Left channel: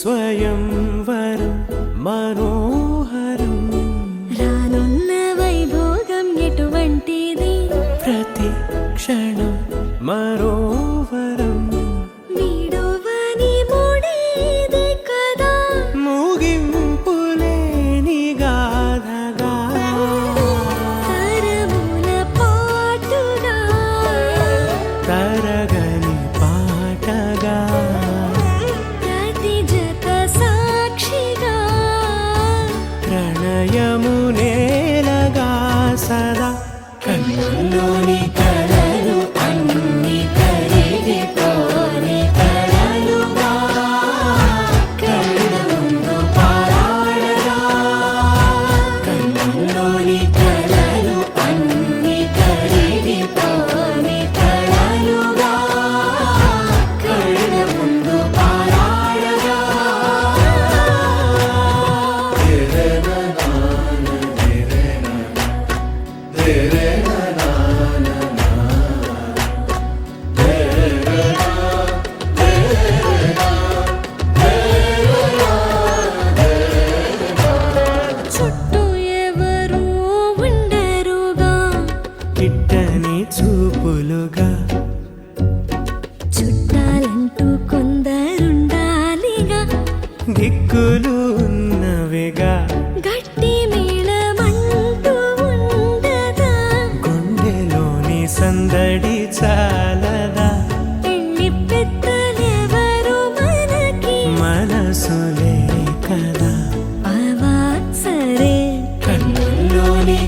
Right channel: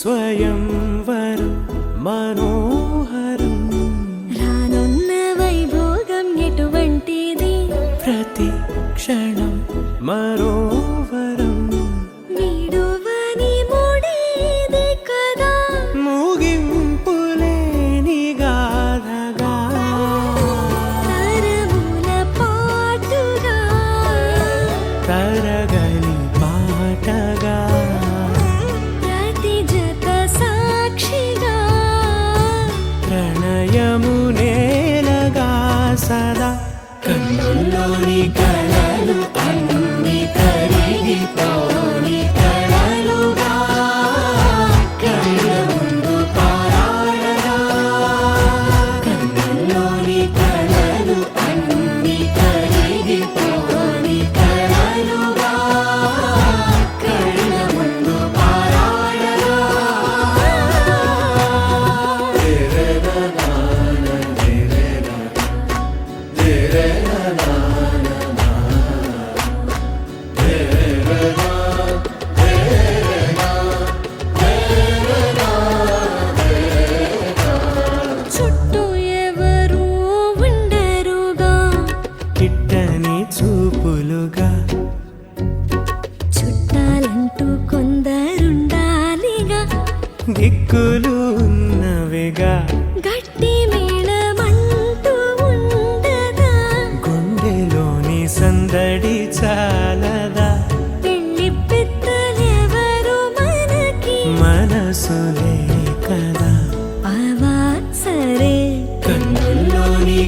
స్వయంవరం మనోహరం రానున్న వైభోగం ఎటువంటిది ప్రతి క్షణం మరోవరం వీడువని మూడేది కదా ముగింపులేని గాథగా తరముల పాటుగా తరగని పాటగా ప్రతి జత సాక్షిగా ప్రణయము నేలగా సదా కన్నుల్లోని కలలు అన్ని కరిగిపోని కలలుగా కళ్ళ ముందు పారాడగా కన్నుల్లోని కలలు అన్ని కరిగిపోని కలలుగా కళ్ళ ముందు పారాడగా చుట్టూ ఎవరు ఉండరుగా కిట్టని చూపులుగా చుట్టాలంటూ కొందరుండాలిగా దిక్కులు ఉన్నవిగా గట్టి మేళమంటూ ఉండదా గుండెలోని సందడి చాలదా పెళ్లి పెద్దలెవరు మనకి మనసులే కదా అవా సరే కన్నుల్లోని